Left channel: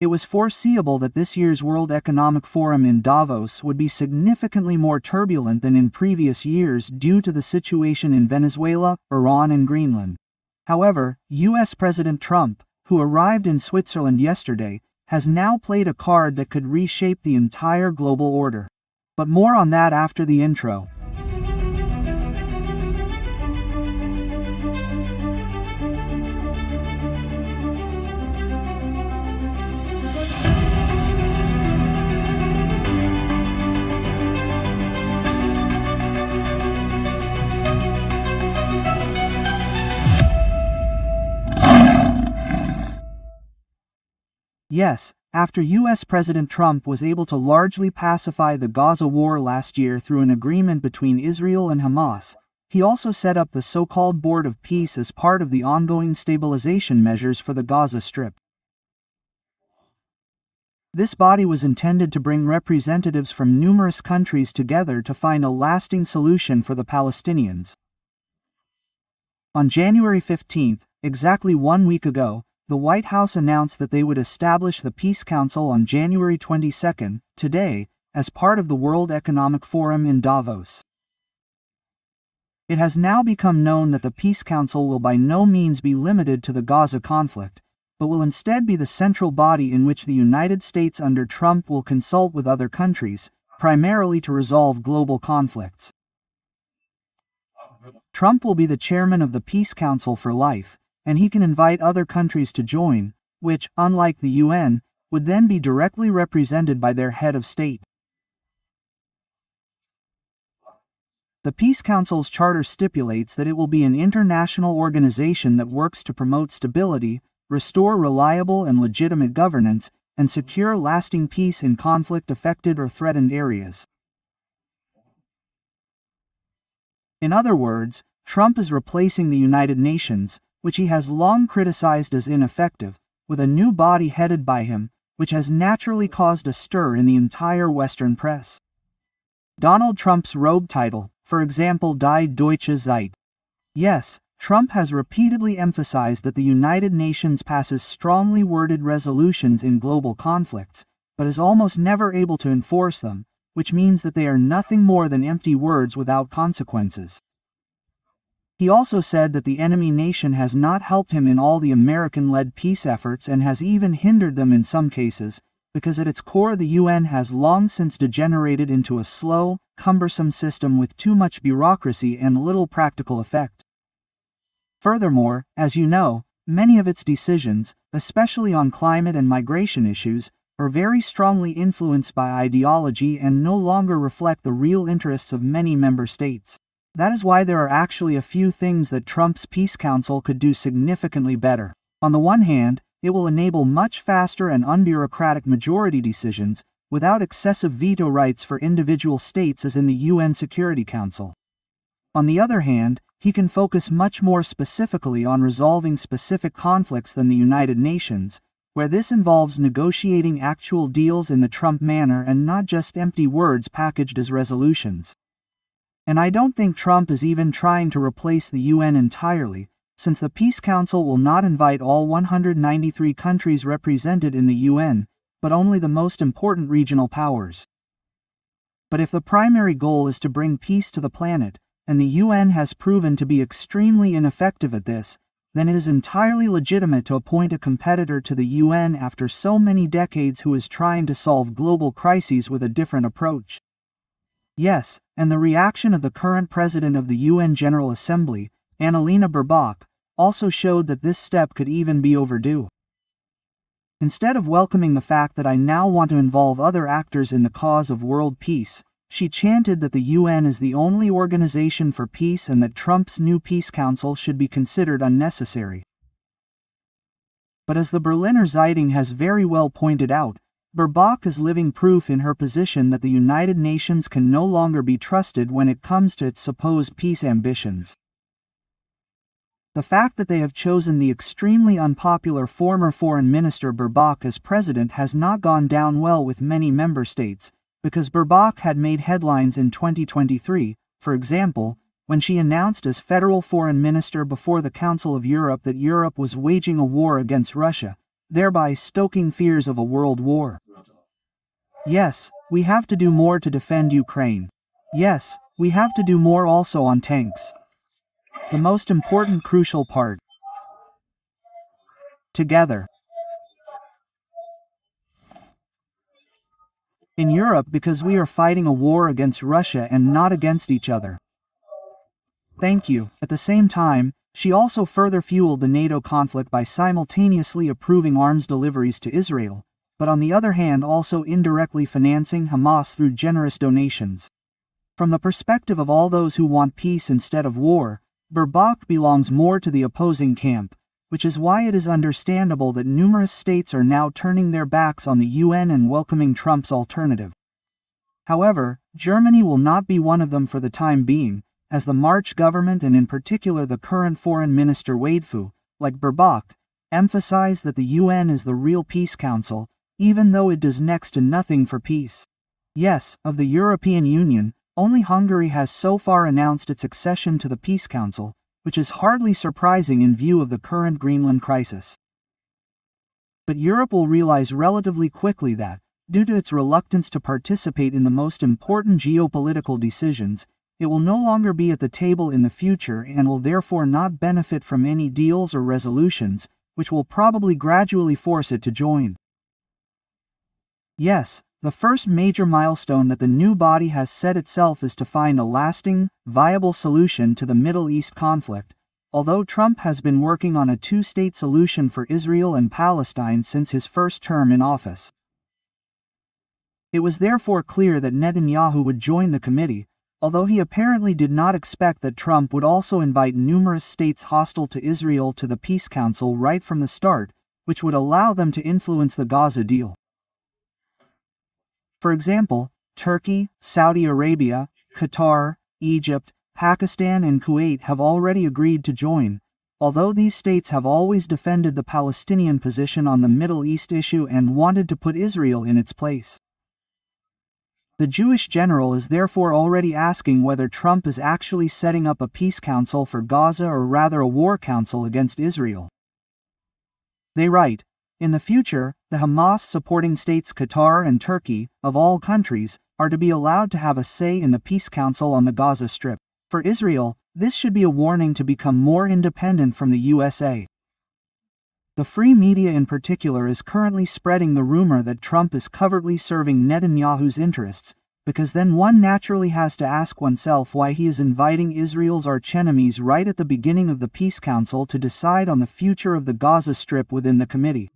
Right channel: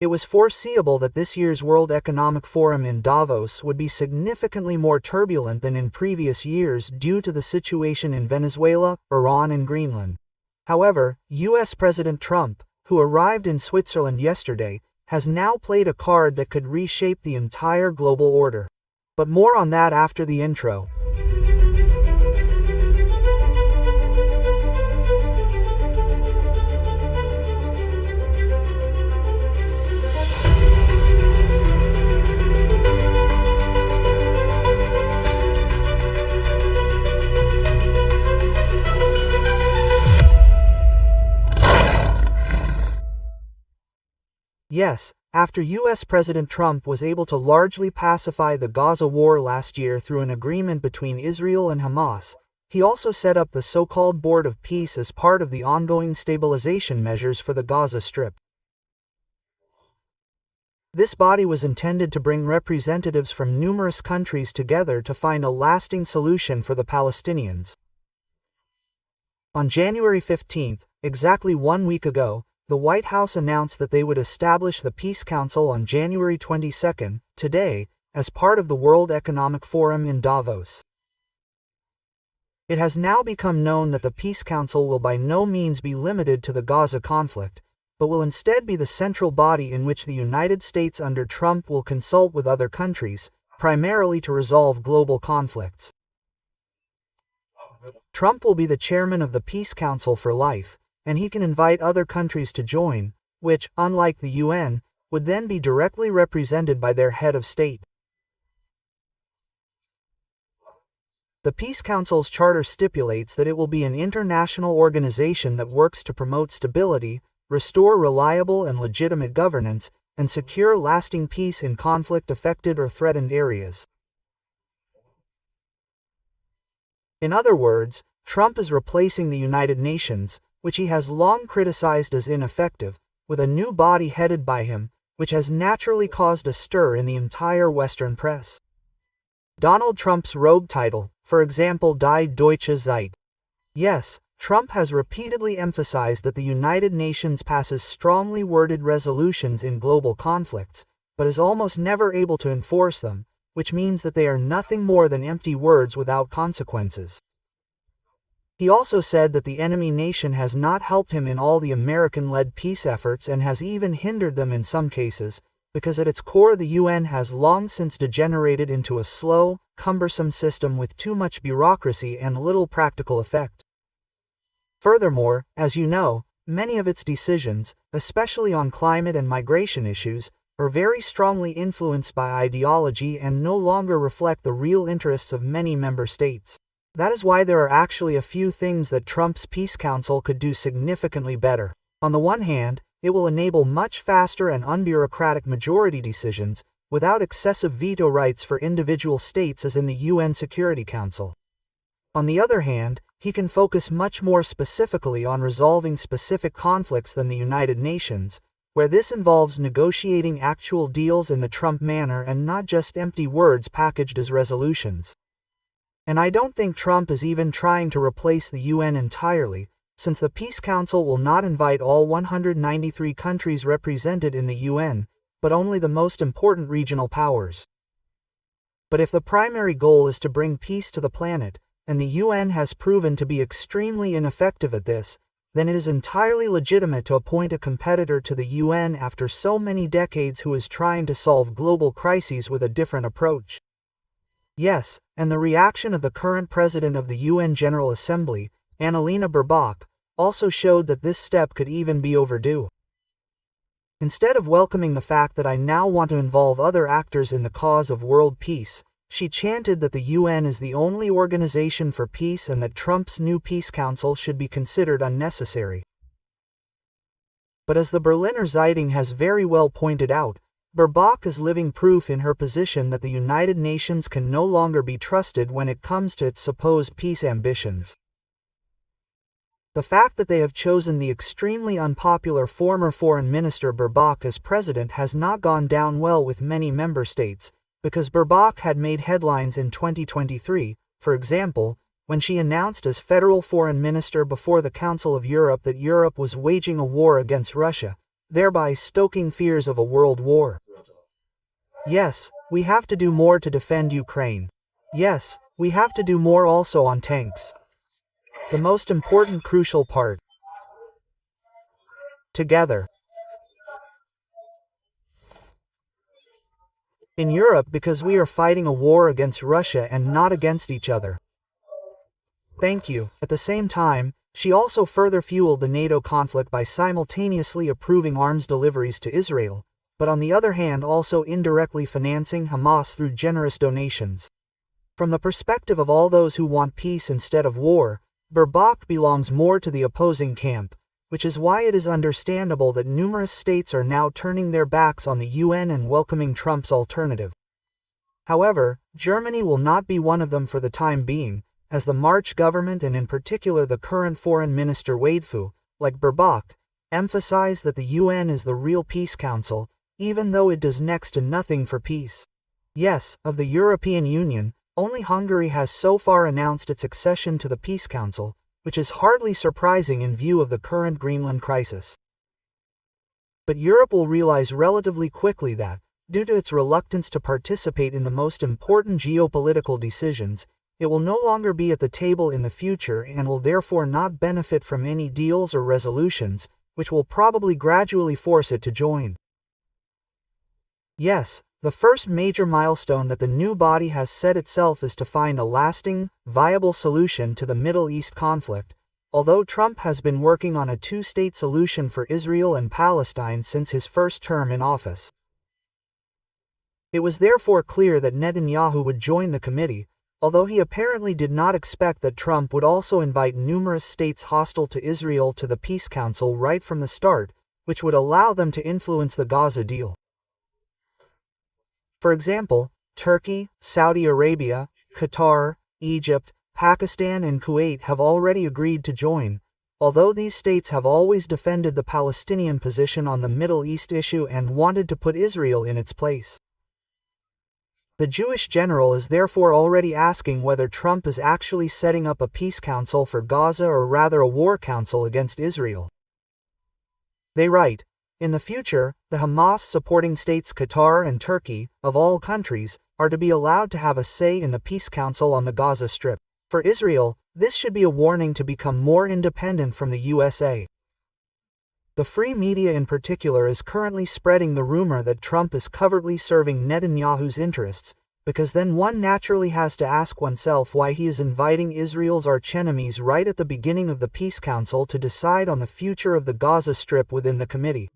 It was foreseeable that this year's World Economic Forum in Davos would be significantly more turbulent than in previous years due to the situation in Venezuela, Iran, and Greenland. However, U.S. President Trump, who arrived in Switzerland yesterday, has now played a card that could reshape the entire global order. But more on that after the intro. Yes, after U.S. President Trump was able to largely pacify the Gaza war last year through an agreement between Israel and Hamas, he also set up the so-called Board of Peace as part of the ongoing stabilization measures for the Gaza Strip. This body was intended to bring representatives from numerous countries together to find a lasting solution for the Palestinians. On January 15, exactly 1 week ago, the White House announced that they would establish the Peace Council on January 22, today, as part of the World Economic Forum in Davos. It has now become known that the Peace Council will by no means be limited to the Gaza conflict, but will instead be the central body in which the United States under Trump will consult with other countries, primarily to resolve global conflicts. Trump will be the chairman of the Peace Council for life, and he can invite other countries to join, which, unlike the UN, would then be directly represented by their head of state. The Peace Council's charter stipulates that it will be an international organization that works to promote stability, restore reliable and legitimate governance, and secure lasting peace in conflict-affected or threatened areas. In other words, Trump is replacing the United Nations, which he has long criticized as ineffective, with a new body headed by him, which has naturally caused a stir in the entire Western press. Donald Trump's rogue title, for example, Die Deutsche Zeit. Yes, Trump has repeatedly emphasized that the United Nations passes strongly worded resolutions in global conflicts, but is almost never able to enforce them, which means that they are nothing more than empty words without consequences. He also said that the enemy nation has not helped him in all the American-led peace efforts and has even hindered them in some cases, because at its core the UN has long since degenerated into a slow, cumbersome system with too much bureaucracy and little practical effect. Furthermore, as you know, many of its decisions, especially on climate and migration issues, are very strongly influenced by ideology and no longer reflect the real interests of many member states. That is why there are actually a few things that Trump's Peace Council could do significantly better. On the one hand, it will enable much faster and unbureaucratic majority decisions, without excessive veto rights for individual states as in the UN Security Council. On the other hand, he can focus much more specifically on resolving specific conflicts than the United Nations, where this involves negotiating actual deals in the Trump manner and not just empty words packaged as resolutions. And I don't think Trump is even trying to replace the UN entirely, since the Peace Council will not invite all 193 countries represented in the UN, but only the most important regional powers. But if the primary goal is to bring peace to the planet, and the UN has proven to be extremely ineffective at this, then it is entirely legitimate to appoint a competitor to the UN after so many decades who is trying to solve global crises with a different approach. Yes, and the reaction of the current president of the UN General Assembly, Annalena Baerbock, also showed that this step could even be overdue. Instead of welcoming the fact that I now want to involve other actors in the cause of world peace, she chanted that the UN is the only organization for peace and that Trump's new Peace Council should be considered unnecessary. But as the Berliner Zeitung has very well pointed out, Baerbock is living proof in her position that the United Nations can no longer be trusted when it comes to its supposed peace ambitions. The fact that they have chosen the extremely unpopular former Foreign Minister Baerbock as president has not gone down well with many member states, because Baerbock had made headlines in 2023, for example, when she announced as federal foreign minister before the Council of Europe that Europe was waging a war against Russia, thereby stoking fears of a world war. Yes, we have to do more to defend Ukraine. Yes, we have to do more also on tanks. The most important crucial part. Together. In Europe, because we are fighting a war against Russia and not against each other. Thank you. At the same time, she also further fueled the NATO conflict by simultaneously approving arms deliveries to Israel, but on the other hand also indirectly financing Hamas through generous donations. From the perspective of all those who want peace instead of war, Baerbock belongs more to the opposing camp, which is why it is understandable that numerous states are now turning their backs on the UN and welcoming Trump's alternative. However, Germany will not be one of them for the time being, as the March government and in particular the current Foreign Minister Wadefoo, like Baerbock, emphasize that the UN is the real peace council, even though it does next to nothing for peace. Yes, of the European Union, only Hungary has so far announced its accession to the Peace Council, which is hardly surprising in view of the current Greenland crisis. But Europe will realize relatively quickly that, due to its reluctance to participate in the most important geopolitical decisions, it will no longer be at the table in the future and will therefore not benefit from any deals or resolutions, which will probably gradually force it to join. Yes, the first major milestone that the new body has set itself is to find a lasting, viable solution to the Middle East conflict, although Trump has been working on a two-state solution for Israel and Palestine since his first term in office. It was therefore clear that Netanyahu would join the committee, although he apparently did not expect that Trump would also invite numerous states hostile to Israel to the Peace Council right from the start, which would allow them to influence the Gaza deal. For example, Turkey, Saudi Arabia, Qatar, Egypt, Pakistan and Kuwait have already agreed to join, although these states have always defended the Palestinian position on the Middle East issue and wanted to put Israel in its place. The Jewish general is therefore already asking whether Trump is actually setting up a peace council for Gaza or rather a war council against Israel. They write, in the future, the Hamas-supporting states Qatar and Turkey, of all countries, are to be allowed to have a say in the Peace Council on the Gaza Strip. For Israel, this should be a warning to become more independent from the USA. The free media in particular is currently spreading the rumor that Trump is covertly serving Netanyahu's interests, because then one naturally has to ask oneself why he is inviting Israel's archenemies right at the beginning of the Peace Council to decide on the future of the Gaza Strip within the committee.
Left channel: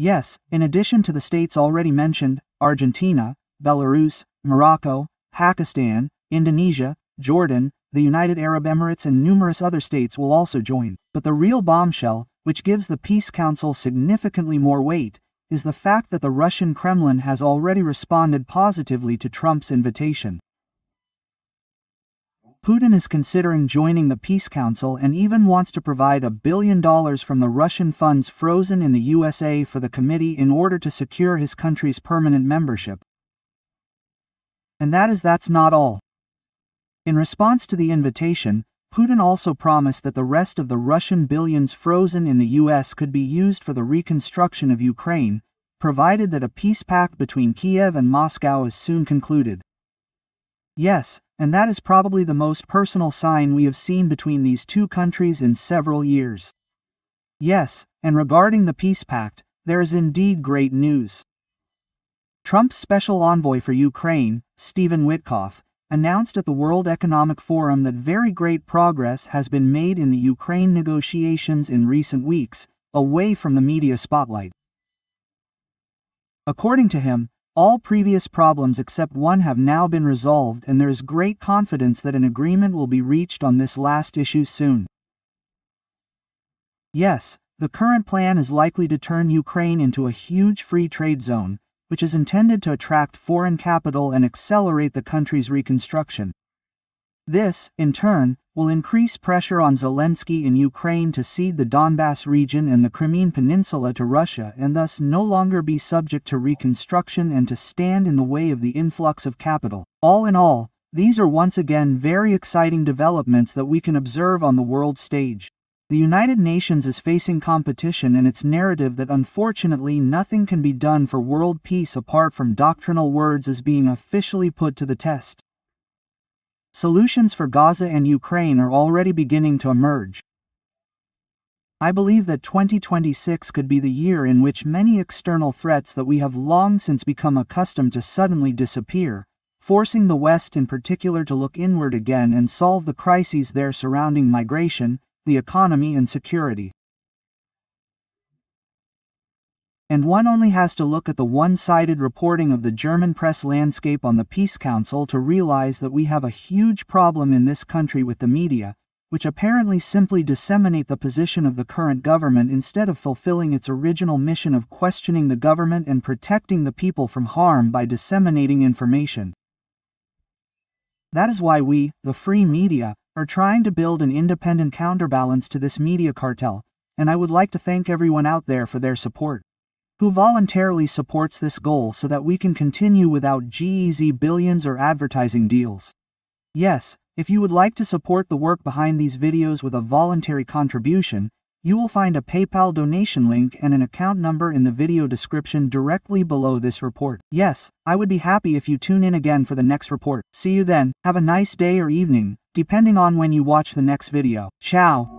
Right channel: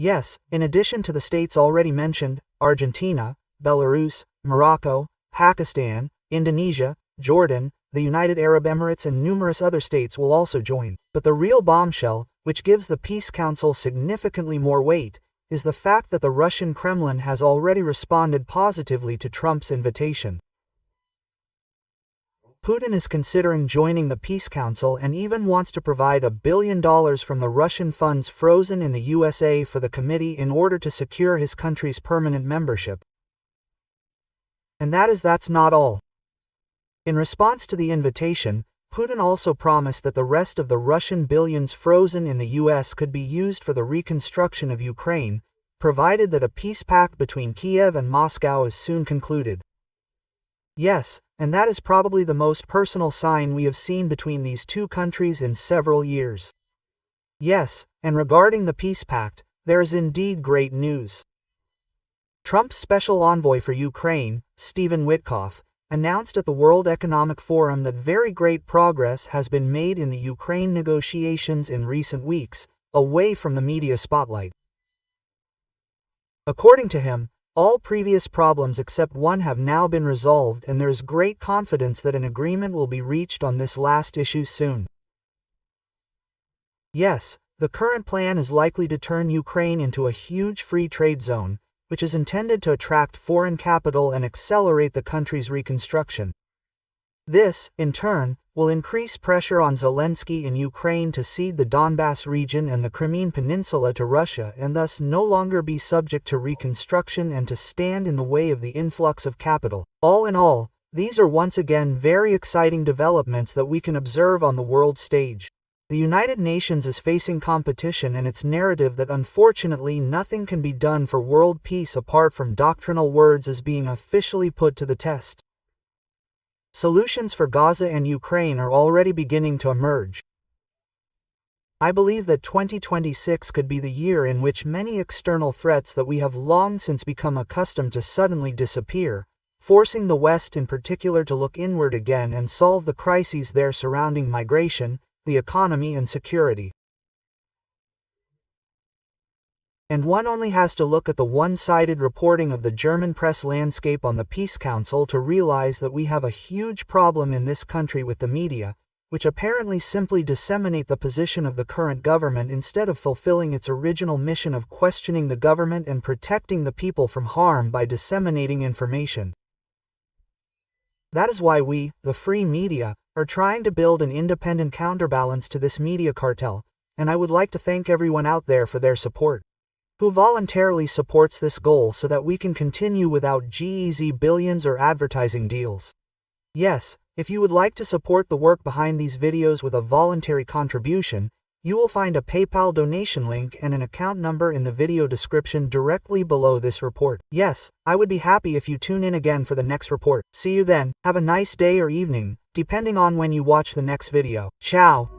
Yes, in addition to the states already mentioned, Argentina, Belarus, Morocco, Pakistan, Indonesia, Jordan, the United Arab Emirates and numerous other states will also join. But the real bombshell, which gives the Peace Council significantly more weight, is the fact that the Russian Kremlin has already responded positively to Trump's invitation. Putin is considering joining the Peace Council and even wants to provide $1 billion from the Russian funds frozen in the USA for the committee in order to secure his country's permanent membership. And that's not all. In response to the invitation, Putin also promised that the rest of the Russian billions frozen in the US could be used for the reconstruction of Ukraine, provided that a peace pact between Kiev and Moscow is soon concluded. Yes, and that is probably the most personal sign we have seen between these two countries in several years. Yes, and regarding the peace pact, there is indeed great news. Trump's special envoy for Ukraine, Stephen Witkoff, announced at the World Economic Forum that very great progress has been made in the Ukraine negotiations in recent weeks, away from the media spotlight. According to him, all previous problems except one have now been resolved and there is great confidence that an agreement will be reached on this last issue soon. Yes, the current plan is likely to turn Ukraine into a huge free trade zone, which is intended to attract foreign capital and accelerate the country's reconstruction. This, in turn, will increase pressure on Zelensky in Ukraine to cede the Donbass region and the Crimean Peninsula to Russia and thus no longer be subject to reconstruction and to stand in the way of the influx of capital. All in all, these are once again very exciting developments that we can observe on the world stage. The United Nations is facing competition, and its narrative that unfortunately nothing can be done for world peace apart from doctrinal words is being officially put to the test. Solutions for Gaza and Ukraine are already beginning to emerge. I believe that 2026 could be the year in which many external threats that we have long since become accustomed to suddenly disappear, forcing the West in particular to look inward again and solve the crises there surrounding migration, the economy, and security. And one only has to look at the one-sided reporting of the German press landscape on the Peace Council to realize that we have a huge problem in this country with the media, which apparently simply disseminate the position of the current government instead of fulfilling its original mission of questioning the government and protecting the people from harm by disseminating information. That is why we, the free media, are trying to build an independent counterbalance to this media cartel, and I would like to thank everyone out there for their support, who voluntarily supports this goal so that we can continue without GEZ billions or advertising deals. Yes, if you would like to support the work behind these videos with a voluntary contribution, you will find a PayPal donation link and an account number in the video description directly below this report. Yes, I would be happy if you tune in again for the next report. See you then, have a nice day or evening, depending on when you watch the next video. Ciao!